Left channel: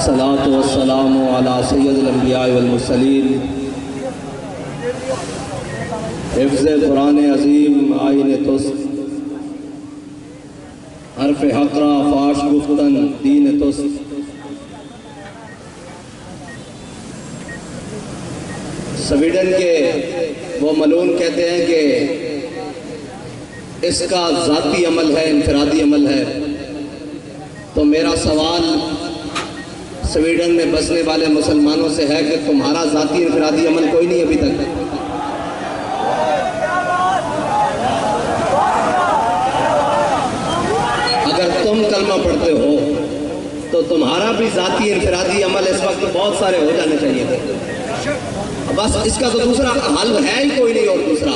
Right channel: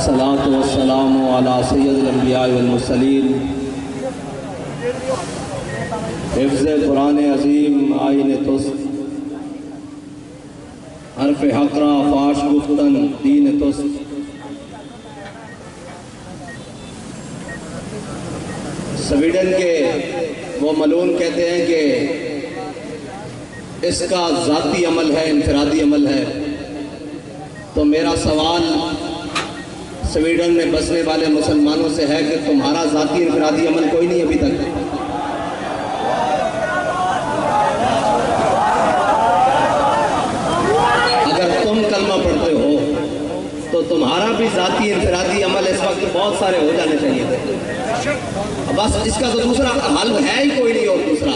والصلاة والسلام على سید الانبیاء والمرسلین حفظ قرآن عظیم آئین توست حرف حقرہ فاش گفتن دین توست سویڈن کے وہ ملون کہتے ہیں کہ اس کا ذاتی عمل ہے، انفرادی عمل ہے. تو میرا سوال سویڈن میں بسنے والے مسلمانوں سے ہے کہ تمہارا ذاتی انفرادی عمل کوئی نہیں ابھی تک؟ اگر تم کلمہ پڑھتے ہو تو تمہارا بھی ذاتی انفرادی عمل اس وقت بہت سارے ہو جانے چاہیے تھے. بس اس کا تو دوسرا حل ہے ہی کوئی نہیں. اور دوسرا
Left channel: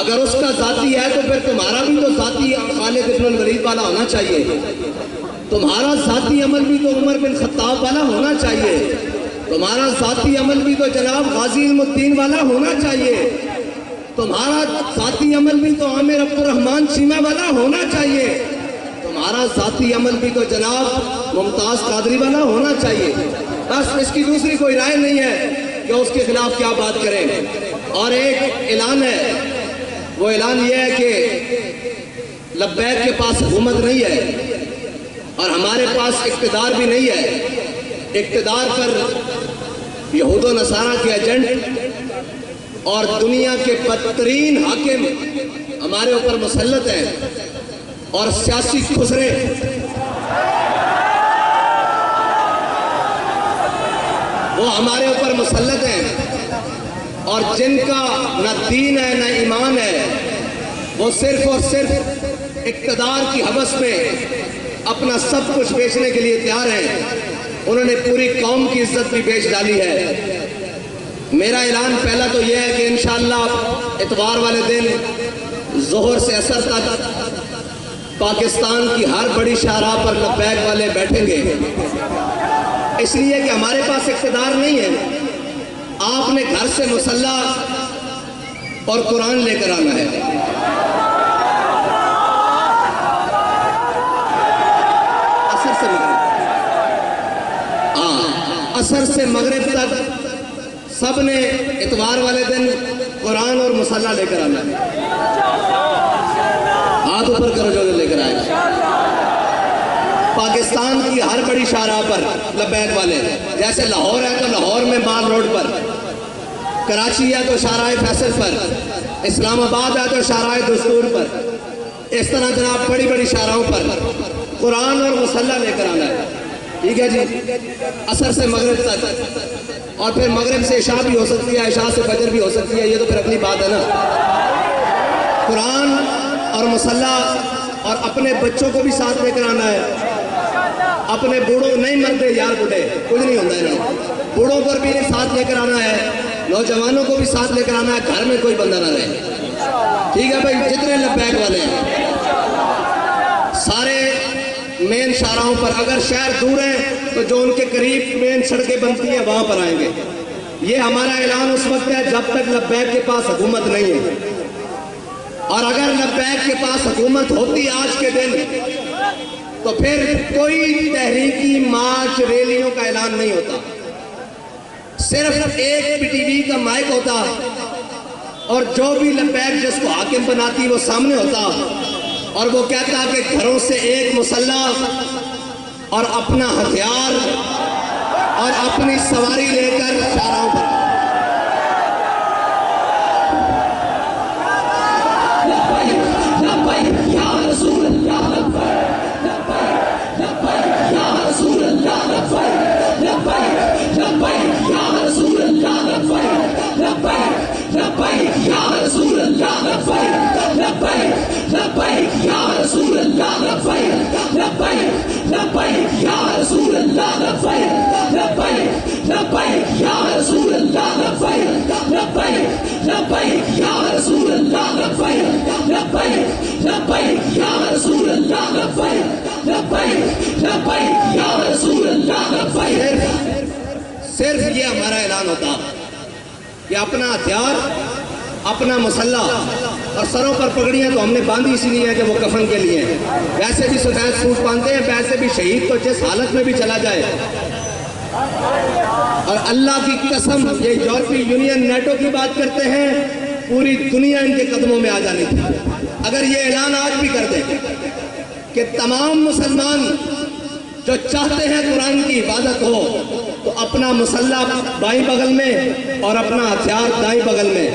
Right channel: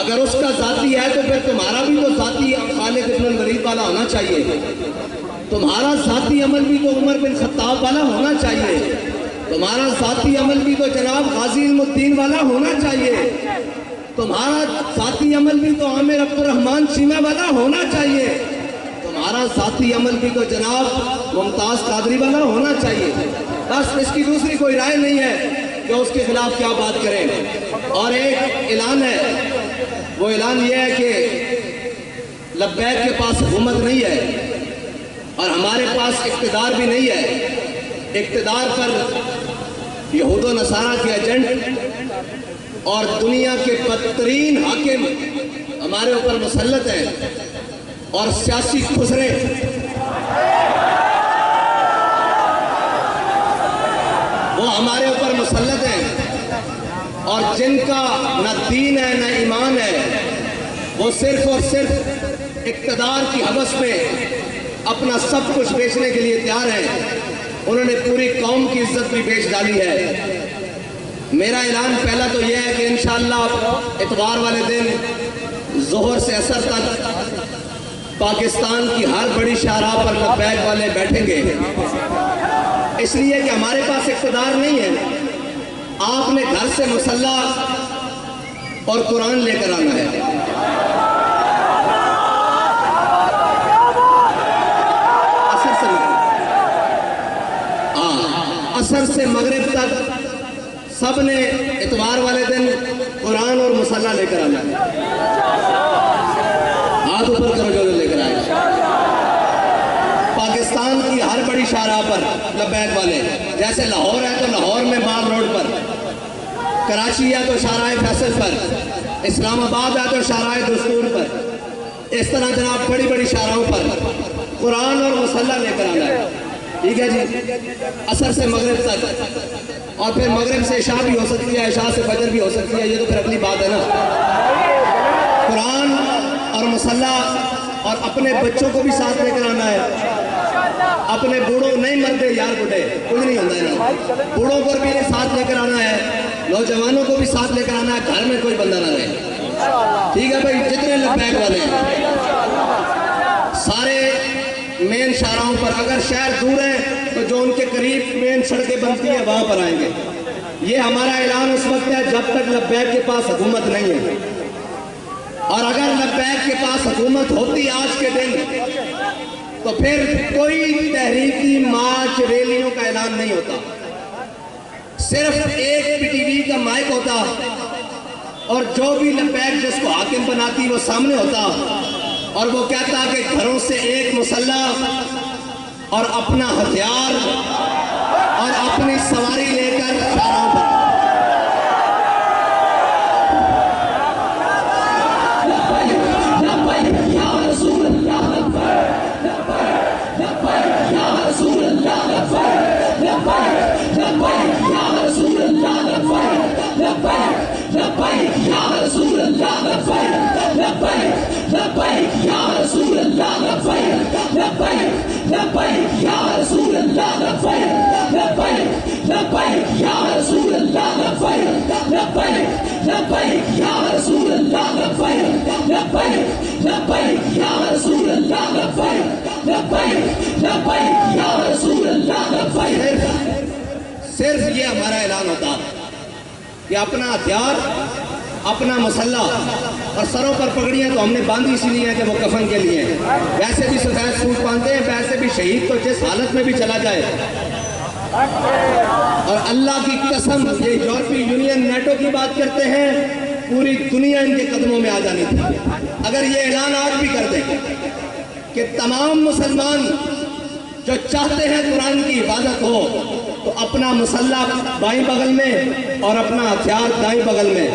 اگر اس کا ذاتی ہے تو پھر تمہارا بھی تو ذاتی خالد بن الولید والا ہونا چاہیے. تمہارا ذاتی عمل بھی تو عمر بن خطاب والا ہونا چاہیے. تمہارا ذاتی عمل بھی تو جناب غازی علم الدین والا ہونا چاہیے. تمہارا ذاتی عمل بھی تو عامر عبد الرحمن چیمہ والا ہونا چاہیے. تمہارا ذاتی عمل بھی تو جناب ممتاز قادری والا ہونا چاہیے. بس اس کی دوسری کوئی رائے نہیں ہے کہ اس کے خلاف کیا بات کریں. اور ایک اعلان ہے، وہ اعلان یہ ہے کہ لبیک کے پاس حکومت نہیں ہے اور ہمارے پاس اقتدار بھی نہیں ہے. اقتدار پر یہود و نصارہ کے ایجنٹ اور دنیا کے بدترین حاکم ہمارے اوپر مسلط ہیں اور سیاسی خسرے وہ ہمارے اوپر مسلط ہیں اور جن کا نہ دین ہے نہ ایمان ہے. وہ صرف اور صرف اقتدار کی ہوس میں اپنا سب کچھ بیچنے کے لیے تیار ہیں. انہوں نے پوری قوم کی عزت بھی بیچ ڈالی ہے. میرا اعلان پہلا تو یہ ہے کہ انشاءاللہ اتوار والے دن ظہر سے عصر تک پاکستان کی ہر بڑی شاہراہ پر لبیک والے بیٹھیں گے. اس لیے کہ ہمارے پاس اقتدار نہیں ہے. آپ نے گھر سے مسلح اور قرآن لے کر آنا ہے. عصر سے مغرب تک سب نے اتوار والے دن قرآن اور مسلح لے کر آنا ہے. ہاتھ اوپر کرو جو لے کر آئے. پاکستان کی ہر بڑی شاہراہ پر لبیک والے، جیسے لاہور ہے تو لاہور میں بال روڈ پر، کراچی ہے تو شاہراہ فیصل پر، اسلام آباد ہے تو شاہراہ دستور پر. اس طرح جناب بڑی بڑی شاہراہوں پر قرآن اور مسلح لے کر آنا ہے. ٹھیک ہے جی؟ عصر سے مغرب تک، اور پھر مغرب سے عشاء بھی ہو سکتی ہے، عشاء سے فجر بھی ہو سکتی ہے. یہ تو پھر اگلی بات ہے نا. قرآن اور مسلح، اور اپنے بچوں کو بھی ساتھ لے کر آنا ہے. اپنے بوڑھوں نہیں مرتے یار، بوڑھے کچھ نہیں ہوتا ہے نا. بوڑھوں کو بھی ساتھ لے کر آنا ہے، نوجوانوں کو بھی ساتھ لے کر آنا ہے. گھر میں کوئی بندہ نہ رہے. ٹھیک ہے بھائی؟ جتنے لبیک والے ہیں سارے مین شاہراہوں پر، اگر شہر دور ہیں تو جو ان کے قریب مین سڑکیں بنتی ہیں وہاں پر آئیں گے. یہ ہمارا اعلان اس وقت ہے جب تک لبیک کے پاس حکومت نہیں ہے. اور اگر لبیک کے پاس حکومت ہوتی آج کے دن تو پھر کوئی تحریکی مارچ ریلیوں کا اعلان نہیں ہوتا. صرف ایک پی ٹی وی کا مائک ہوتا اور جو بھی لبیک جس کو حاکم بناتی وہ سامنے ہوتا اور وہ کہتا کہ گھروں سے ایک مسلح اور اپنا ہتھیار اور اپنی سواری لے کر شاہراہوں پر. صرف یہ ہمارا اعلان ہوتا کہ اپنا ہتھیار، اپنا مسلح، اور سروں پر پگڑیاں تو ہم نے باندھی اسی لیے ہے کہ وہ کفن کے لیے ہیں. ویسے بھی سفید سوٹ باندھتے ہیں، ویسے بھی شہید تو جس حالت میں بھی چلا جائے اور اللہ کی قسم یہ یورپی یونین نیٹو کی بات کرتے ہیں، پوری دنیا ان کے قدموں میں آ جانی تھی۔ اگر یہ اعلان آج بھی کر دیں کہ تمام مسلمان جو چاہتے ہیں قرآن کی حفاظت ہو تو اپنا مسلح بائیں بغل میں اور اپنا ہتھیار دائیں بغل میں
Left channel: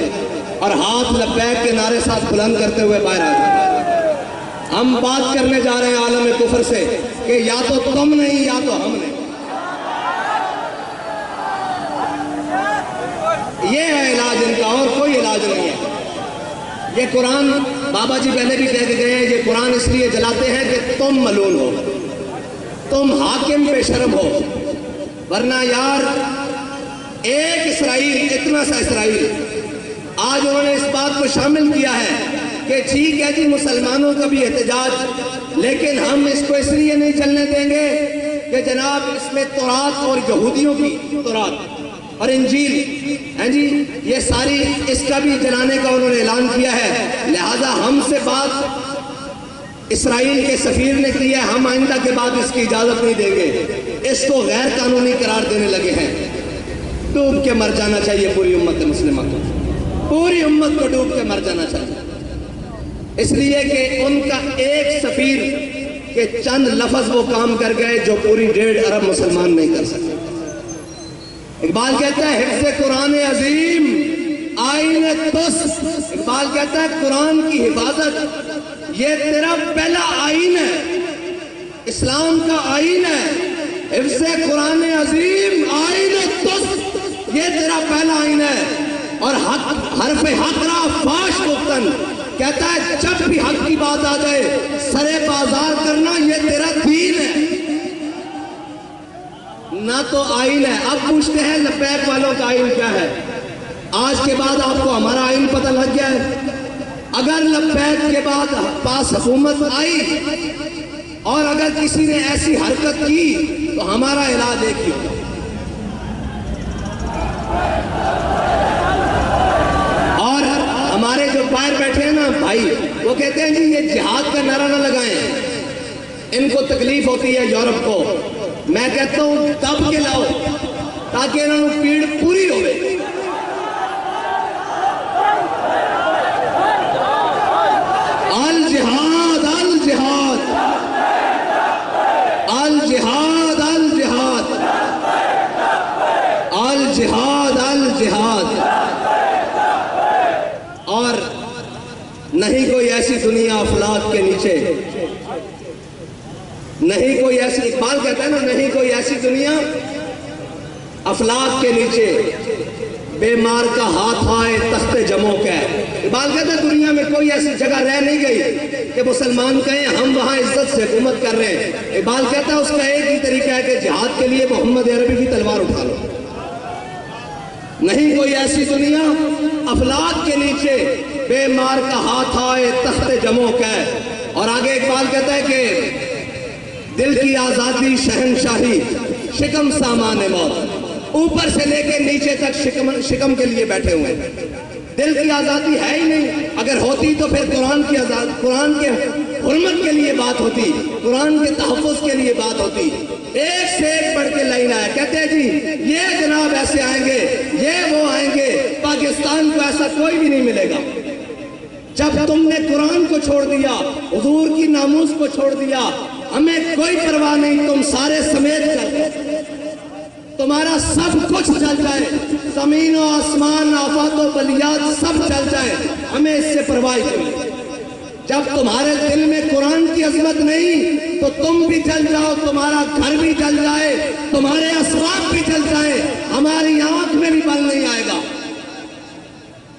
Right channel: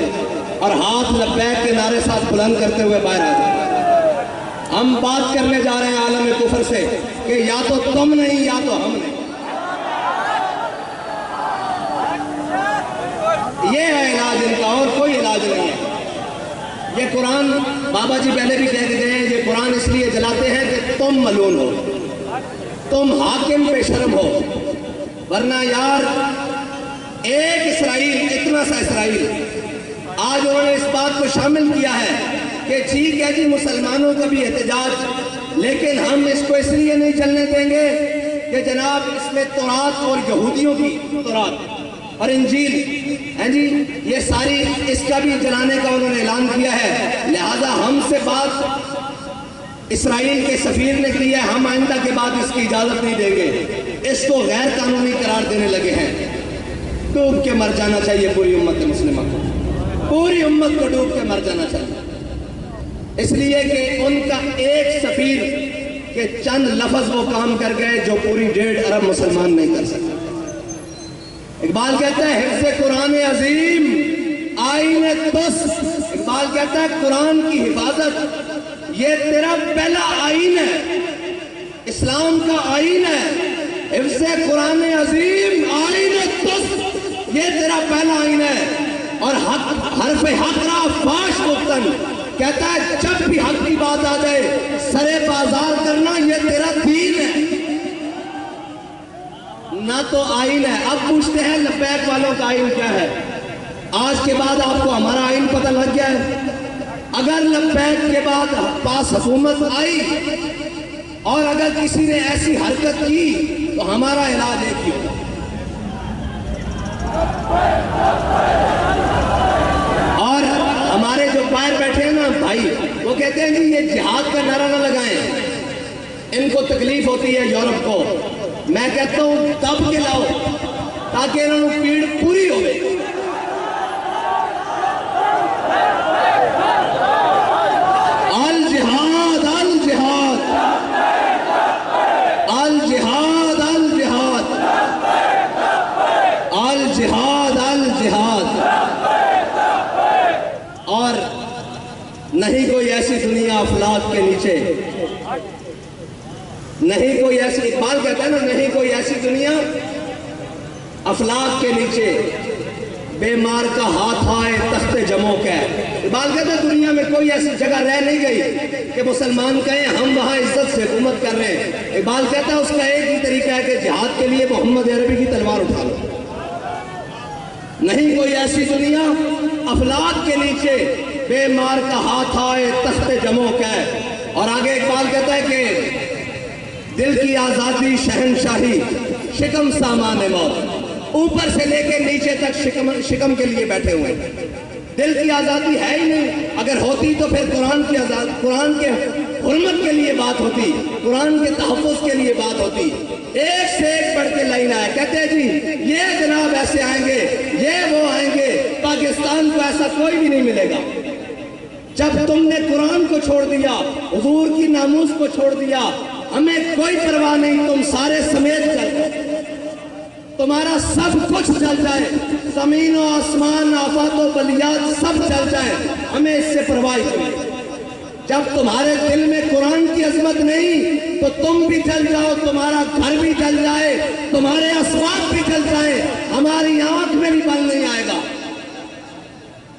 اور ہاتھ لبیک کے نعرے ساتھ بلند کرتے ہوئے باہر آ جائیں۔ ہم بات کرنے جا رہے ہیں عالم کفر سے کہ یا تو تم نہیں یا تو ہم نہیں۔ یہ ہے علاج ان کا، اور کوئی علاج نہیں ہے۔ یہ قرآن بابا جی پہلے بھی کہہ کے گئے ہیں، یہ قرآن اس لیے جلاتے ہیں کہ تم ملعون ہو، تم حاکم پہ شرم ہو، ورنہ یار ایک اسرائیل، اتنا سا اسرائیل، آج انہوں نے اس بات کو شامل کیا ہے کہ ٹھیک ہے جی مسلمانوں کا بھی احتجاج، لیکن ہم اس کو اس لیے نہیں چلنے دیں گے کہ جناب اس میں تورات اور یہودیوں کی تورات اور انجیل ہیں جی، یہ ساری اس کا بھی جلانے کا انہوں نے اعلان کیا ہے۔ لہذا ہم سے بات اسرائیل کے سفیر نے کی ہے، ہم آئندہ کے بعد اس کی اجازت نہیں دیں گے، اس کو غیر قانونی قرار دینے لگے ہیں۔ ڈوب کے مر جانا چاہیے پوری امت مسلمہ کو، پوری امت کو ڈوب کے مر جانا چاہیے، اس لیے کہ ان کا ایک سفیر کے چند لفظ وہ کام کر گئے جو پوری 1.5 ارب مسلمان نہیں کر سکتے۔ اقبال کہتا ہے حفظ قرآن عظیم آئین تس، اقبال کہتا ہے قرآن کی حفاظت یہ تیرا پہلا آئین ہے، اسلام کا آئین ہے۔ حفظ قرآن عظیم آئین تس یہ تیرا پہلا آئین ہے۔ اور حرف حق را فاش گفتن، کہتا ہے جب بھی حق کی بات آ جائے سرے بازار کرنا یہ تیرا دین ہے، نہ تو آئین ہے۔ اب پوچھتے ہیں لبیک والوں کا آئین کیا ہے؟ آج کے بعد آپ کو ہمارا آئین پتہ لگ گیا ہے۔ اگر لبیک کے بعد پاس حکومت آئی اور اگر کسی نے ایسی حرکت کی تو ہمارا علاج ایک ہی ہوگا، اور ہمارے جو باہر بیٹھے ہیں نا بھائی، وہ کہتے ہیں جی یہ جہاد کا نعرہ نہ لگائیں، ان کو تکلیف ہوتی ہے یورپ کو۔ میں کہتا ہوں دب کے لاؤ تاکہ انہوں نے پیڑ پوری ہوئے۔ الجہاد الجہاد الجہاد الجہاد الجہاد الجہاد۔ اور نہیں کوئی ایسی دنیا افلاک کے نیچے، نہیں کوئی ایسی، اقبال کہتا ہے نا نہیں کوئی ایسی دنیا افلاک کے نیچے بے مار کا ہاتھ آئے تخت جموں کا۔ اقبال کہتا ہے دنیا میں کوئی ایسی جگہ رہ نہیں گئی کہ مسلمان کہیں ہم وہاں عزت سے حکومت کر رہے ہیں۔ اقبال کہتا ہے اس کا ایک ہی طریقہ ہے کہ جہاد کے لیے محمد عربی کی تلوار اٹھا لو۔ نہیں کوئی ایسی دنیا افلاک کے نیچے بے مار کا ہاتھ آئے تخت جموں کا۔ اور آگے اقبال کہتا ہے کہ دل کی آزادی شہنشاہی شکم سامان موت، اوپر سے لے کے نیچے تک شکم کے لیے بیٹھے ہوئے ہیں۔ دل کی آزادی ہے ہی نہیں، اگر ہوتی تو پھر قرآن کے حرمت کے لیے بات ہوتی، قرآن کے تحفظ کے لیے بات ہوتی۔ ایک سے ایک بڑھ کے لائن آئے، کہتے ہیں جی یہ جناب ایسے آئیں گے، یہ وہ آئیں گے، پاکستان کو ایسا کوئی بھی نہیں ملے گا۔ جب تم نے قرآن کو چھوڑ دیا، حضور کی ناموس کو چھوڑ دیا، ہمیں کوئی پرواہ نہیں، تم سارے سمیت چل، تمہارا سب کچھ چل جائے، زمین و آسمان آفات و بلیات سب چل جائے، ہمیں اس سے پرواہ نہیں۔ جب تمہارے دل میں قرآن کی عظمت نہیں تو تم بھی چل جاؤ، تمہارا گھر بھی چل جائے، تمہارے اسباب بھی چل جائے، ہماری آنکھ میں بھی بل نہیں آئے گا۔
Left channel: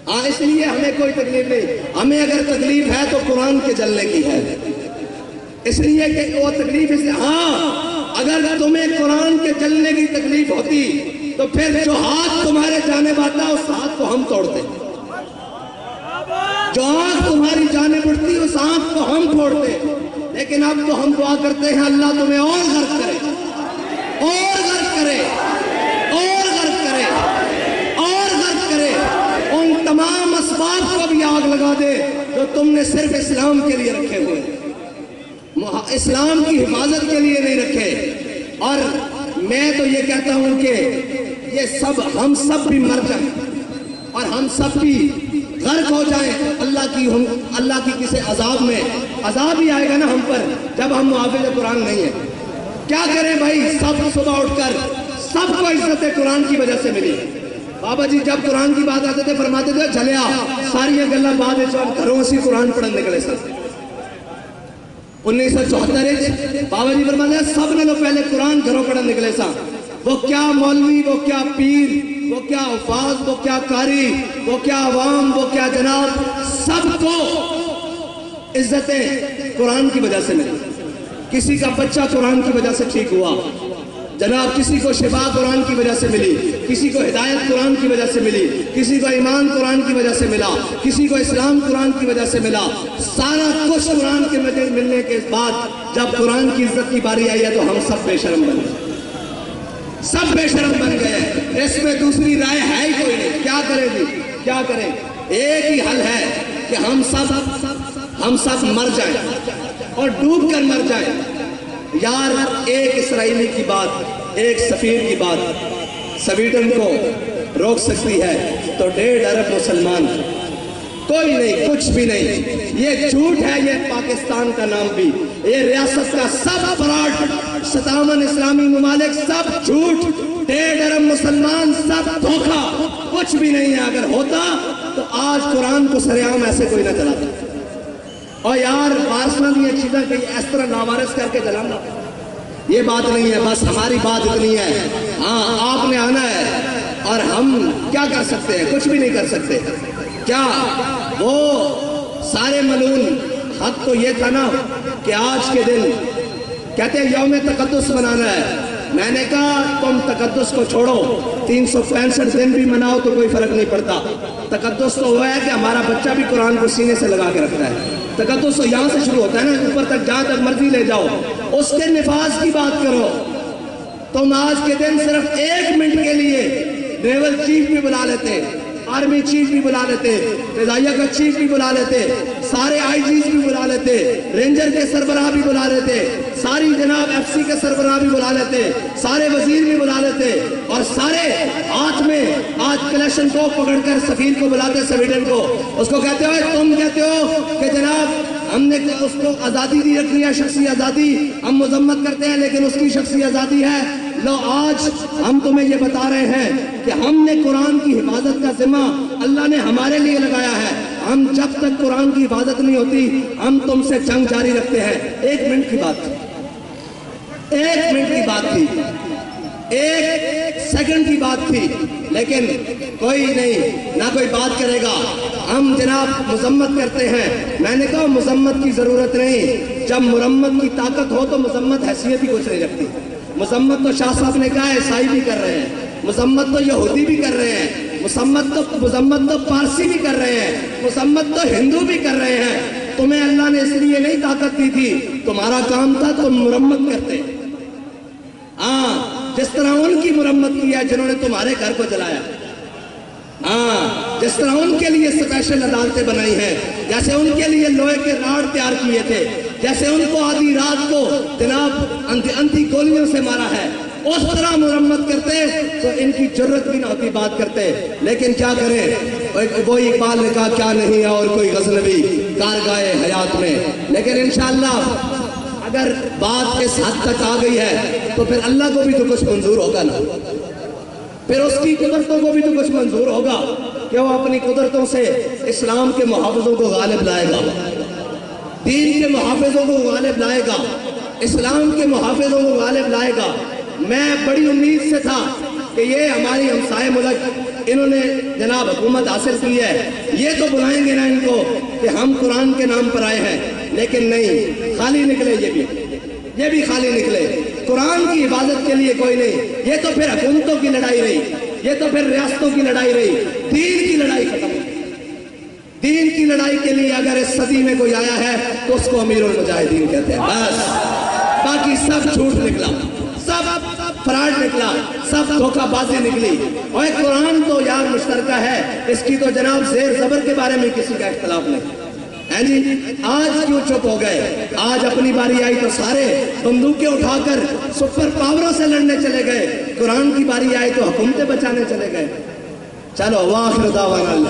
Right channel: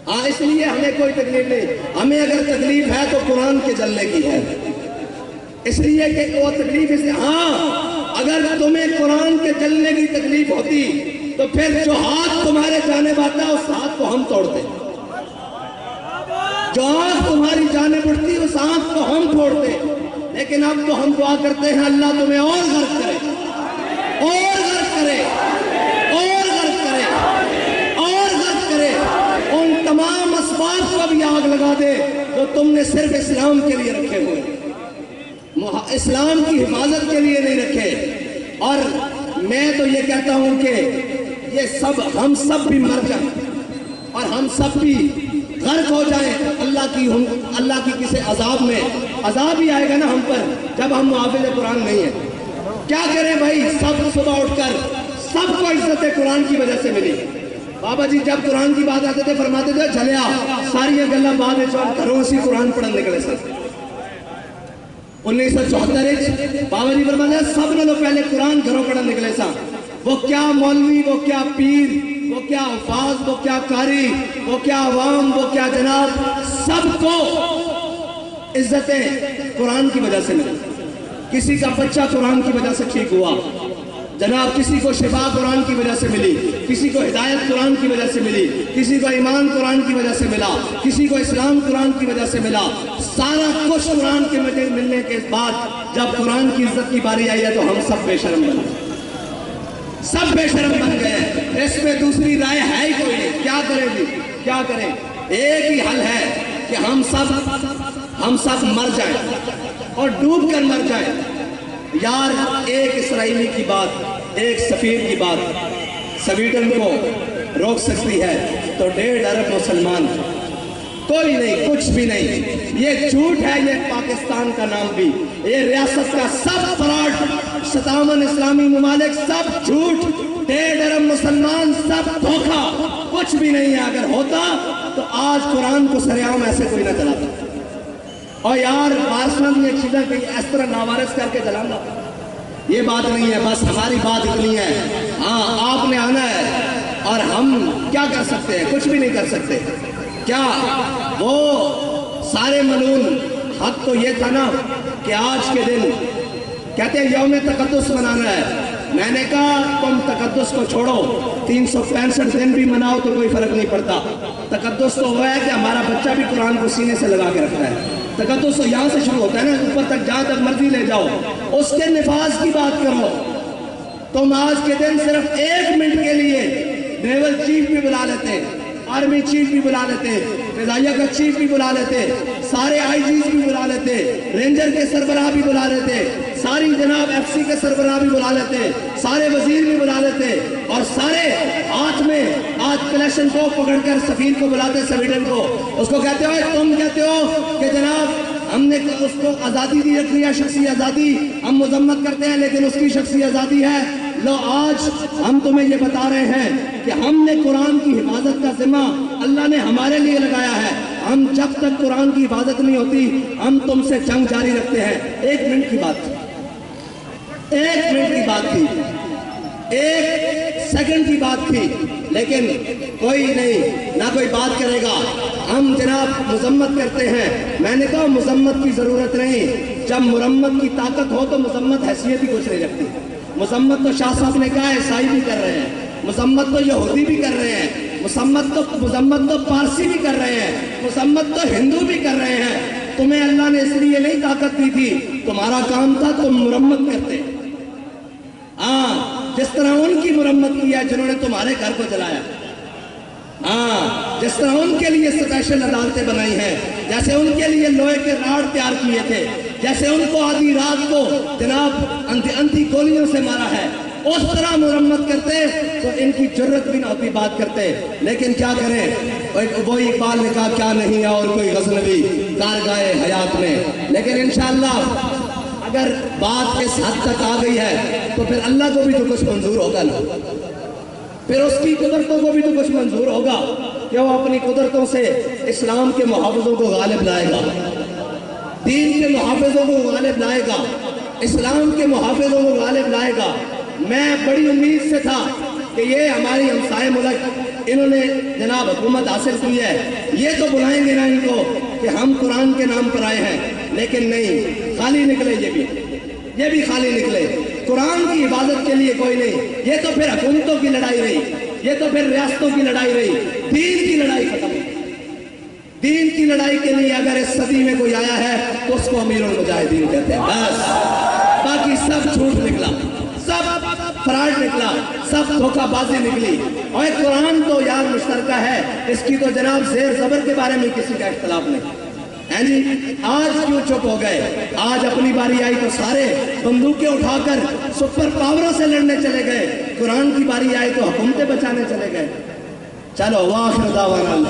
ہاں اس لیے ہمیں کوئی تکلیف نہیں، ہمیں اگر تکلیف ہے تو قرآن کے جلنے کی ہے، اس لیے کہ وہ تکلیف اس لیے، ہاں اگر تمہیں قرآن کے جلنے کی تکلیف ہوتی تو پھر جو ہاتھ تمہارے جانب آتا اس ہاتھ کو ہم توڑتے، جو آنکھ تمہاری جانب اٹھتی اس آنکھ کو ہم توڑتے۔ لیکن اب تو ہم دعا کرتے ہیں اللہ تمہیں اور غرق کرے، اور غرق کرے، اور غرق کرے، اور غرق کرے، ان تمام اسباب کو بھی آگ لگا دے جو تم نے صرف اسلام کے لیے رکھے ہوئے، اسلام کی حفاظت کے لیے نہیں رکھے۔ اور میں تو تو یہ کہتا ہوں کہ یہ سب ہم سب بھی مر جائیں اور ہم سب بھی غرق ہو جائیں اللہ کی کسی عذاب میں، عذاب ہی آئے گا نا ہم پر جب ہم محافظ قرآن نہیں ہیں۔ کیا کریں بھائی، سب صبح اٹھ کر سب کو عزت قرآن کی وجہ سے ملی۔ بابا جی جب قرآن کی بات آتے تھے فرماتے تھے چلیا ساری گلا بعد گھروں سے قرآن پڑھن نکلے سر۔ 1974 بابا جی فرماتے ہیں سب نے پہلے قرآن گھروں پڑھن نکلے سا، وہ کیا مولوی، وہ کیا پیر، وہ کیا حفاظ، وہ کیا قاری، وہ کیا عوام، وہ کیا جناب، سب کو عزتیں قرآن کی وجہ سے ملی۔ کسی کا بچہ قرآن کی وجہ سے ٹھیک ہوا جناب، کسی کو شفا قرآن کی وجہ سے ملی، کسی کو ہدایت قرآن کی وجہ سے ملی، کسی کو ایمان قرآن کی وجہ سے ملا، کسی کو اسلام قرآن کی وجہ سے ملا۔ سارا کچھ قرآن کے وجہ ملنے کے بعد جب قرآن کی عزت کی باری آئی ہے تو ہم سب بے شرم بن گئے، سب بے شرم بن گئے۔ اس میں دوسری رائے ہے ہی کوئی نہیں۔ کیا کریں جی، کیا کریں؟ ایک ہی حل ہے کہ ہم سب مر جائیں اور ڈوب کر مر جائیں۔ یار ایک اسرائیلی کی بات، ایک سفیر کی بات سویڈن کو روک سکتی ہے تو 1.5 ارب مسلمان کوئی نہیں، کچھ بھی نہیں۔ یہ جھوٹ ہے، یہ پاکستان کا نام بھی، یہ ریاست کا سب فراڈ، 57 اسلامی ممالک سب جھوٹ، 1.5 ارب مسلمان سب دھوکہ، کچھ بھی نہیں ہے۔ اگر ہوتا تو آج قرآن کو سرعام ایسے کوئی نہ چلاتا۔ اور یار بارسوں یہ چیزیں کہ اس طرح ناوارث کر کے جلانا یہ بات نہیں ہے۔ بس ہماری بات اتنی ہے، ہاں آپ نے آنا ہے اور ہم کیا کر سکتے ہیں؟ کچھ بھی نہیں کر سکتے۔ کیا وہ سارے ملعون حق تو یہ تھا نا کہ آج کے دن کہتے ہیں یوم تقدس منانا ہے۔ میں نے کہا تم تقدس کو چھوڑو، 365 دن بھی مناؤ تو کوئی فرق نہیں پڑتا۔ تقدس تو وہ ہے کہ ہمارا بچہ بھی قرآن کو سینے سے لگا کے رکھتا ہے۔ تقدس تو یہاں سے شروع ہوتا ہے نا، اوپر تک جہاں تک مرضی لے جاؤ۔ اس کے نفاذ کی بات کرو۔ تم آج کے دن صرف 1 منٹ کے لیے نیول چیف بھی بلا لیتے، آرمی چیف بھی بلا لیتے، فضائیہ کا چیف بھی بلا لیتے، سارے آئی جیز بھی بلا لیتے، رینجر کے سربراہ بھی بلا لیتے، ساری جناب ایف سی کے سربراہ بھی بلا لیتے، سارے وزیر بھی بلا لیتے، اور سارے ہاتھ میں آج کلیشن کو پکڑ کر سفیر کو بلاتے سویڈن کو۔ اس کو کہتے ہو، تم کہتے ہو کہ جناب ہم نے اس کو آزادی دی رکھی ہے، شخصی آزادی، ہم مذمت کرتے ہیں لیکن اس کی شخصی آزادی ہے۔ لو آج ہم تمہیں یہ بتا رہے ہیں کہ ہم نے قرآن کی حفاظت کا ذمہ اللہ نے ہمارے لیے لگایا ہے۔ ہم جب تک قرآن کی حفاظت نہیں ہوتی ہم تم سے جنگ جاری رکھتے ہیں۔ 1 منٹ کی بات تھی، 1 منٹ کی بات تھی، 1 سیکنڈ کی بات تھی، لیکن کوئی نہیں، نہ کوئی بات کرے گا۔ ہم جناب مذمت کرتے ہیں۔ میں نے کہا مذمت کی ضرورت نہیں، جب مرمت کی طاقت ہو تو مذمت حیثیت ہی کچھ نہیں رکھتی۔ مذمت تو شاہ صاحب نے کہا عیسائی بھی کر رہے ہیں، مذمت تو یہودی بھی کر رہے ہیں، مذمت تو پارسی بھی کر رہے ہیں، مذمت تو ہندو بھی کر رہے ہیں۔ تمہیں اللہ نے اس لیے نہیں طاقت دی تھی، تمہارا کام تھا تم مرمت کرتے۔ ہاں جس طرح ان کی مرمت کی ہے جنہوں نے تمہارے گھر کو جلایا، ہاں جس طرح ان کے لیے اسپیشل عدالتیں بنائی ہیں، جیسے ان کے لیے لوہے کے راڑ تیار کیے تھے، جیسے ان کو آدھی رات کو جناب اندھی گولیوں سے مارا ہے، اس طرح مرمت کرتے تو ان کی جرت بھی نہ ہوتی بات کرتے۔ لیکن کیا کریں، وہ اقبال نے کہا کیا نہیں ہے اور کوئی غزنوی کارگاہ حیات میں۔ لیکن انشاءاللہ اگر بات اس حد تک آ گئی ہے تو پھر اللہ کو بھی تو کچھ منظور ہوگا نا، پھر اس کی قدرتوں کو بھی تو کچھ منظور ہوگا کہ وہ اپنی قدرتوں سے اسلام کے محافظوں کو غالب لائے گا، دین کے محافظوں کو غالب لائے گا، اسلام کے محافظوں کو غالب لائے گا۔ میں بڑی امید سے تھا کہ یہ ہماری ہمسائے ملک انہوں نے جناب حکومت حاصل کی ہے، یہ تو بلائیں گے نا ان کو کہ ہم قرآن کے نام پر آئے ہیں، لیکن نہیں، خالی نکلے یہ بھی خالی نکلے۔ قرآن کی حفاظت کے لیے کوئی نہیں، یہ تو پھر حکومتوں کی لڑائی رہی، یہ تو پھر ریاستوں کی لڑائی رہی، دین کی لڑائی ختم ہوئی۔ دین کی لڑائی کے لیے اگر اس صدی میں کوئی آیا ہے تو اس کو امیر المجاہدین کہتے ہیں، بس باقی سب جھوٹ نکلا، سب فراڈ نکلا، سب دھوکہ بازی نکلی۔ اور قرآن تو یار مشترکہ ہے، اس کی تو جناب زیر زبر کے بارے میں کسی کا اختلاف نہیں، ہیں جی آج کیوں چپ ہو گئے؟ آج اپنی باری آئی تو سارے بندوقیں اٹھا کر سپر پاوروں سے لڑنے چلے گئے، قرآن کی باری آئی تو حکومتیں بچانے چلے گئے۔ چلو واخر دعوانا